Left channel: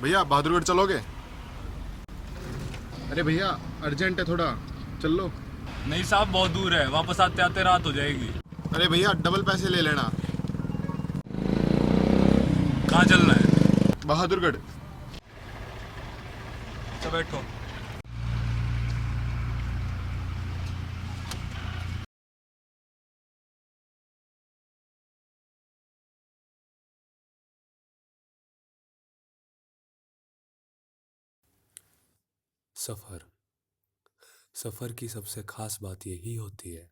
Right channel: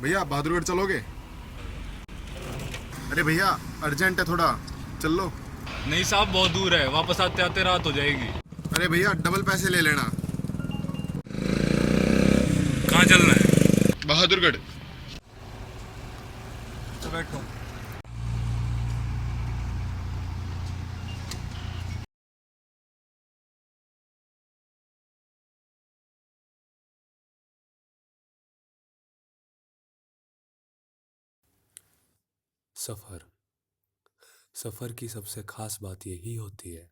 भैया बहादुरगढ़ चलोगे? अरे भैया अर्जेंट है थोड़ा, चल लो। नहीं साहब, बहुत दूर है, वापस आते आते रात हो जाएगी। अरे भैया डबल पैसे ले लेना। कहाँ चलना है? बहादुरगढ़। अच्छा बैठो। सफ़र सफ़र की सबसे खास बात यही होती है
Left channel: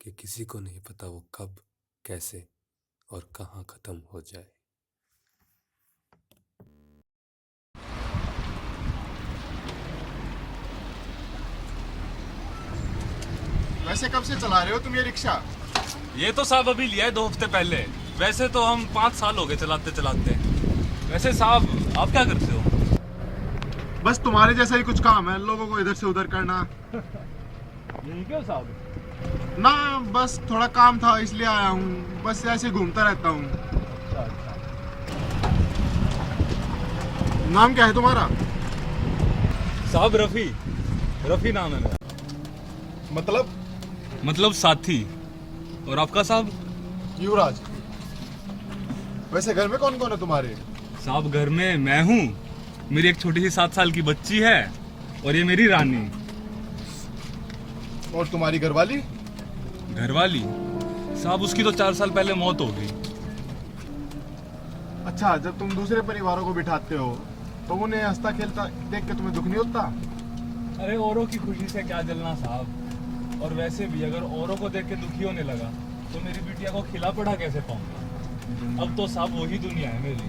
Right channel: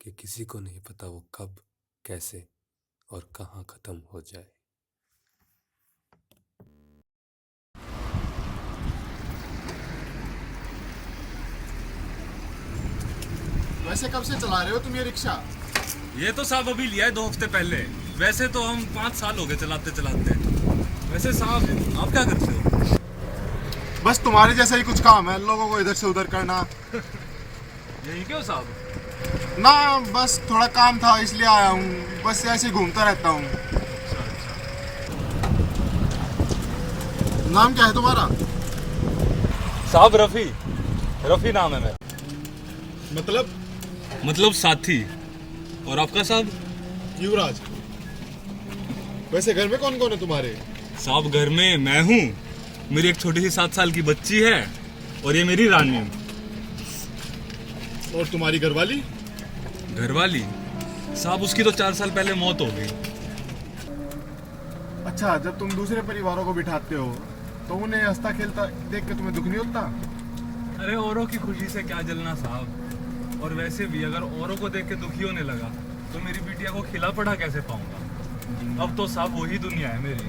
कि किसी को नहीं पता वो कब, कैसे और कहाँ ख़त्म हो जाए। वैसे कब से चला रहे हो तुम ये रिक्शा? ये तो साहब अभी लिया है 2 हफ्ते पहले। वैसे तो हम 5 साल हो गए चलाते चलाते। वैसे साहब आप क्या करते हो? बस तुम्हारे जैसा ही कुछ काम है, लोगों को इधर से उधर करना। यही क्यों साहब? ना बस थोड़ा काम था इसलिए आया हूँ, बस ऐसे ही घूमता रहता हूँ। अच्छा अच्छा। नाम क्या है तुम्हारा? साहब रफ़ी। रफ़ी नाम है मेरा। मतलब साथी। और आपका साहब? युवराज। वैसे घर में कौन कौन है तुम्हारे? साहब घर में मैं हूँ, मेरी एक छोटी सी 7 साल की बच्ची है और ये मेरी रानी। और तुम्हारी घरवाली? घरवाली साहब उसकी तो 4 साल पहले मौत हो गई। अच्छा, जब तुम दूसरे परिवारों को बिठाते हो तो उन्हें हंसता खेलता देख के तुम्हें दुख नहीं होता? अरे औरों की खुशी से क्या जलना साहब। और वैसे भी अगर औरों को देख के दुखी होने लगा तो मेरी बिटिया को खिला पड़ा कैसे पाऊंगा। अब तो साहब वही दुनिया है मेरी।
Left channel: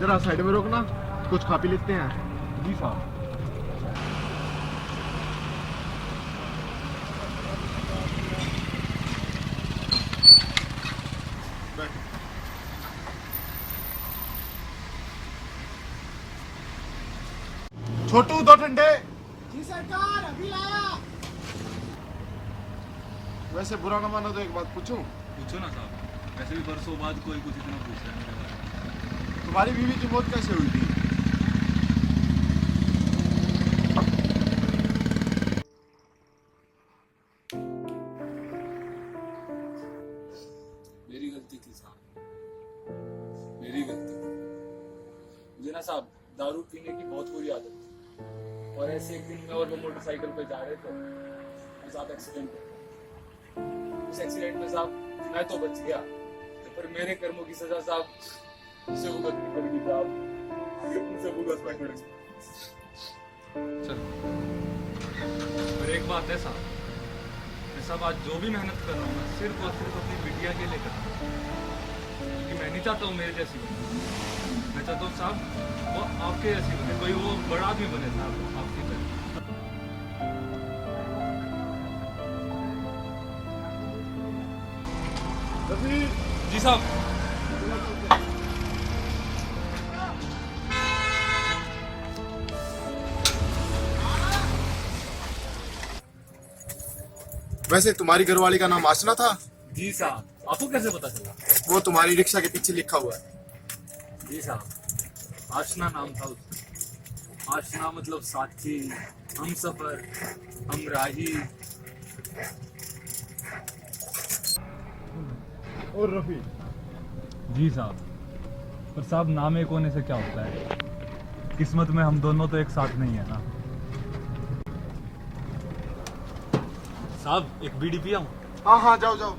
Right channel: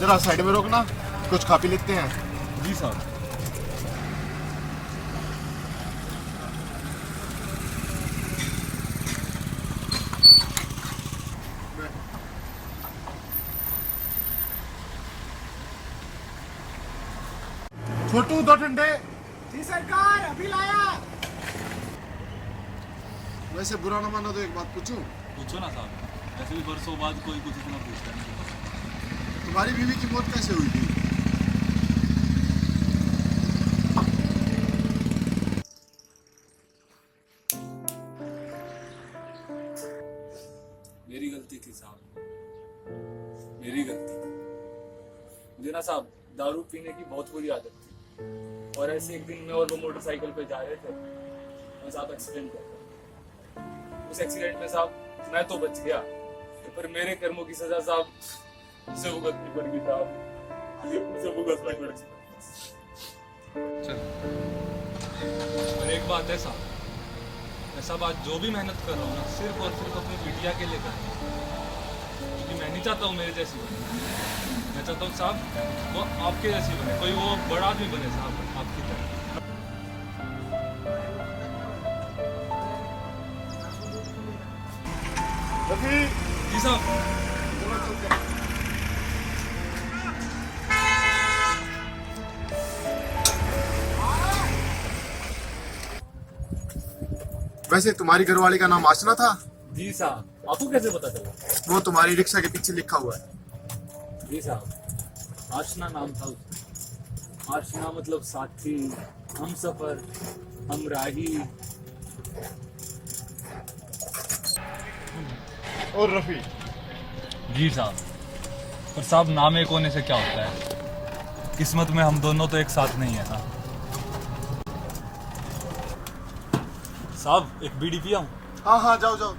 जरा साइड में रोकना, कुछ खा पी लेते हैं। जी साहब। छोटू 2 ठंडे। जी सरकार, अभी लाया। वैसे बुरा ना मानो तो एक बात पूछूं? पूछो ना साहब, वैसे भी बरसों बाद कोई कुछ इतना पूछता है मेरे बारे में। तुम्हारी बीवी की मौत कैसे हुई थी? मेरी गलती थी साहब, मेरी गलती थी। मुझे ना साहब दारू पीने की बहुत बुरी आदत थी। और ऐसे एक दिन मैं और वो मोटरसाइकिल पे जा रहे थे और साहब एक्सीडेंट हो गया। उस एक्सीडेंट में साहब मैं तो बच गया, तो पर मेरे कर्मों की सजा साहब उसे भुगतनी पड़ गई साहब, उसे भुगतना पड़ गई। चलो, पर एक बात है साहब, मैं सब आज जो भी मेहनत कर रहा हूँ ना सिर्फ और सिर्फ अपनी बिटिया के लिए कर रहा हूँ। क्योंकि मैं नहीं चाहता हूँ मेरे जैसी बने, मैं चाहता हूँ साहब वो आपके जैसी बने, कोई वो बड़ा आदमी बने साहब आपकी तरह। जी साहब। वैसे तुम्हारी घरवाली का नाम आसना था? जी साहब, आपको कैसे पता चला? वो तुम्हारी रिक्शा के पीछे लिखा हुआ है। जी साहब, आशना नाम था उसका। आशना मतलब साथी, हम सफर, हम राही। और रफी? जी साहब, पर साहब नाम एक होने से क्या होता है, किस्मत में हम दोनों तो एक साथ नहीं है ना साहब। एक बीड़ी पिया हूँ। हाँ हाँ, जाओ जाओ।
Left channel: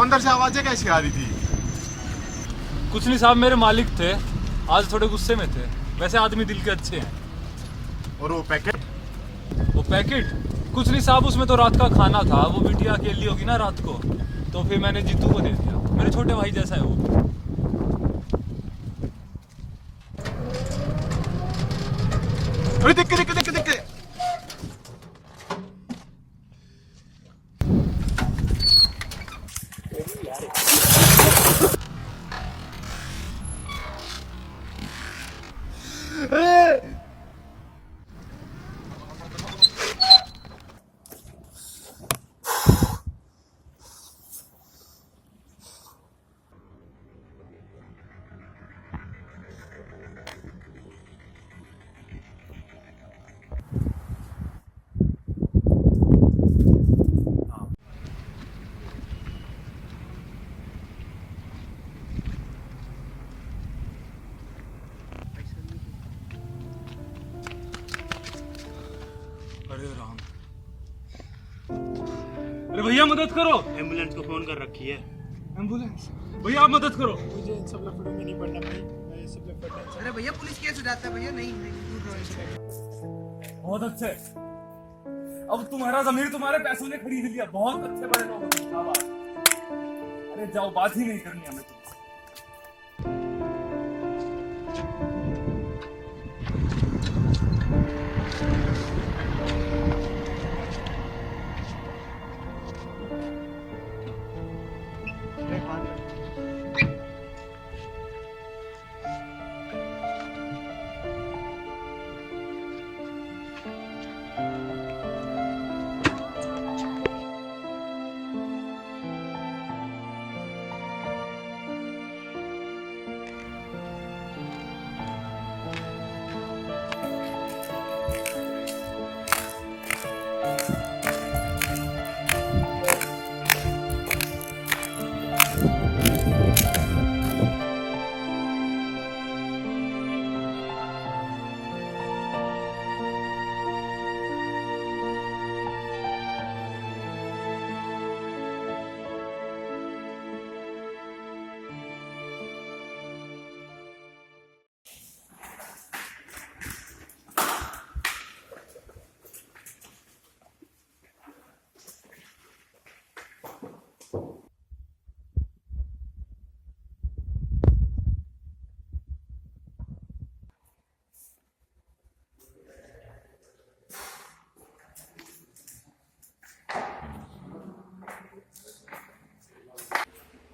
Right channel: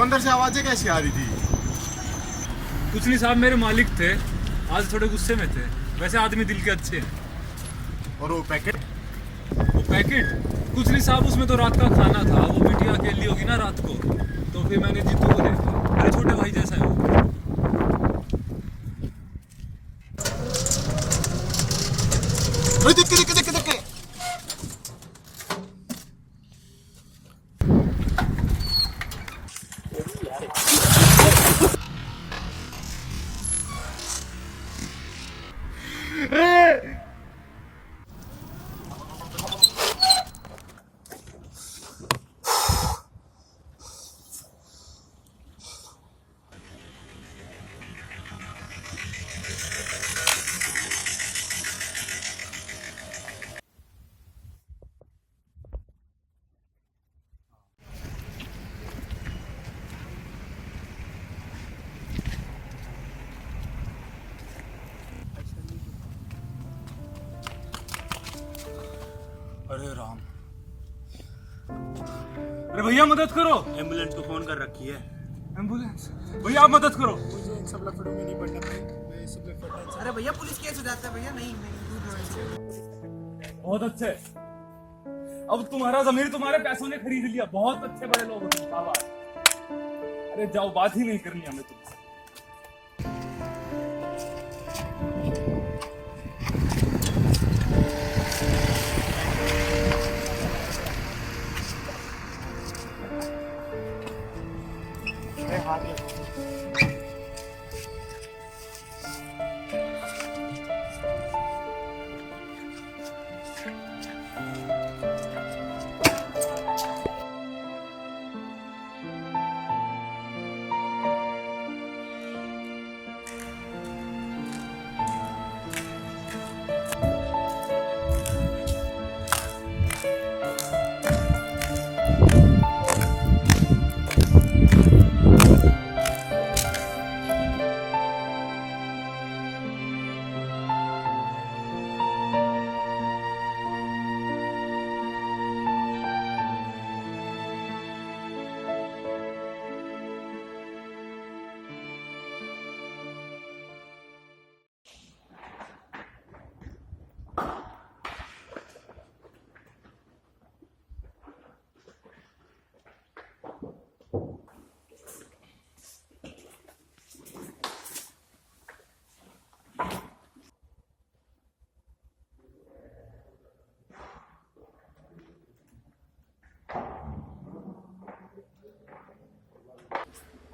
वो अंदर से आवाजें कैसी आ रही थी? कुछ नहीं साहब, मेरे मालिक थे, आज थोड़े गुस्से में थे। वैसे आदमी दिल के अच्छे हैं। और वो पैकेट? वो पैकेट कुछ नहीं साहब, उसमें तो रात का खाना था। वो बिटिया अकेली होगी ना रात को, तो फिर मैंने जीतू को दे दिया। मेरे छोटे भाई जैसा है वो। अरे देख के देख के देख के देख के। अरे राम, अरे भैया मदद करो। एम्बुलेंस को फोन कर रखी है। एम्बुलेंस? भैया आप मदद करो। मुझे इन सब लफड़ों में नहीं पड़ना भाई, मैं इस सब लफड़ों से। अरे भैया पुलिस केस हो जाता है भैया। नहीं नहीं दूर रहो। बहुत अच्छे, अब तुम्हारा जमीर तुम्हारे पैसों ने खरीद लिया। बहुत अच्छे बड़े लोग हो तुम, शाबाश। अरे जाओ, बात ही नहीं करनी हमें तुमसे।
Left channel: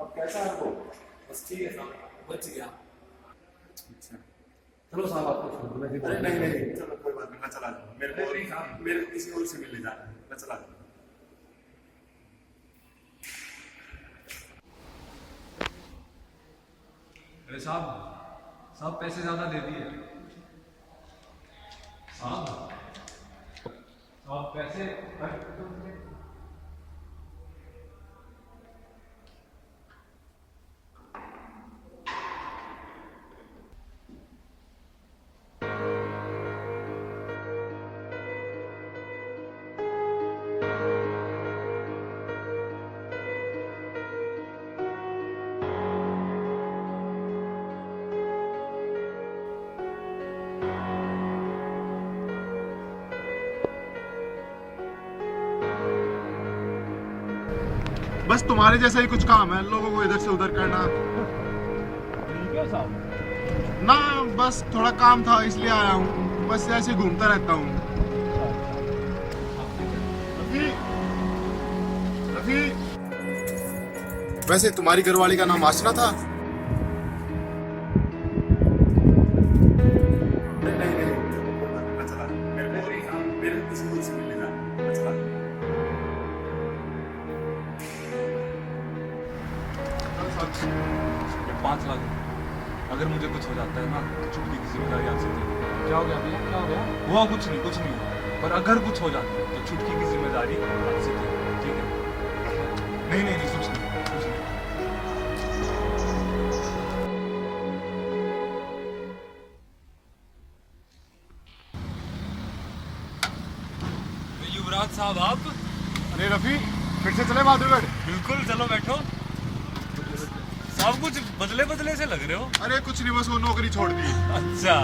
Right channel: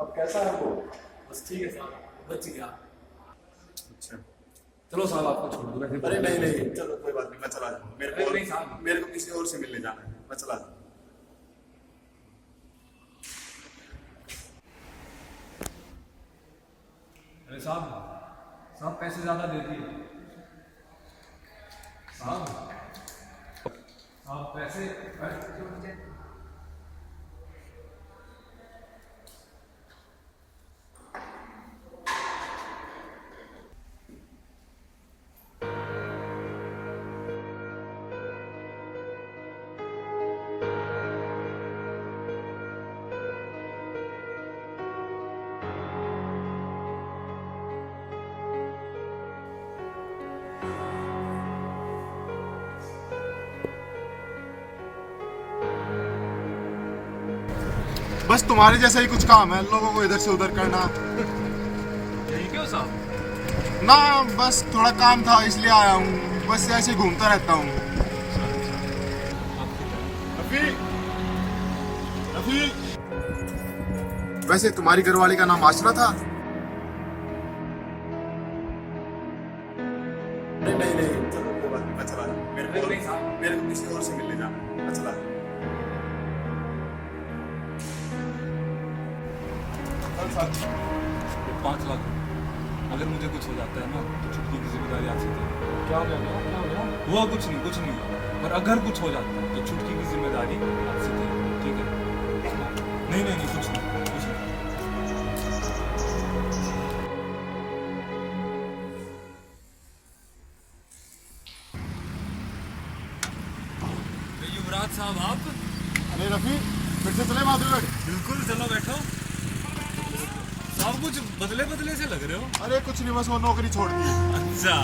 अब कैसा है वो? बस ठीक है साहब, बच गया। अच्छा चलो साहब, आपको छोड़ दो। अरे नहीं नहीं, चलो कोई बात नहीं, मैं चला जाऊँ। नहीं साहब, मेरे को किसी और से मिलने जाना है, मैं चला जाऊँ। अरे साहब पैसे ज्यादा दे दिए। साहब पैसे, अरे बस तुम्हारे जैसा ही कुछ काम है, लोगों को इधर से उधर करना। यही क्यों साहब? ना बस थोड़ा काम था इसलिए आया हूँ, बस ऐसे घूमता रहता हूँ। रफी, रफी, वैसे तुम्हारी घरवाली का नाम आसना था? नहीं नहीं नहीं, चलो कोई बात नहीं, मैं चला जाऊँ। मेरे को किसी और से मिलने जाना है, मैं चला जाऊँ। ये 5 लाख रुपए, अगर मुझे कुछ हो जाता है ना तो छुट्टी की जिम्मेदारी आपसे थी। क्या हो गया भैया? क्या हो गया? हुआ कुछ नहीं हुआ, पर अगर कुछ हो जाता है तो छुट्टी की जिम्मेदारी आपसे थी, ठीक है? नहीं कुछ नहीं। युवराज साहब आप? अरे रफी, फिर से चले बहादुरगढ़? बिल्कुल, चलो बैठो। आप कुछ बदले बदले से लग रहे हो। अरे कुछ नहीं, बस वो नौकरी छोड़ दी। अच्छा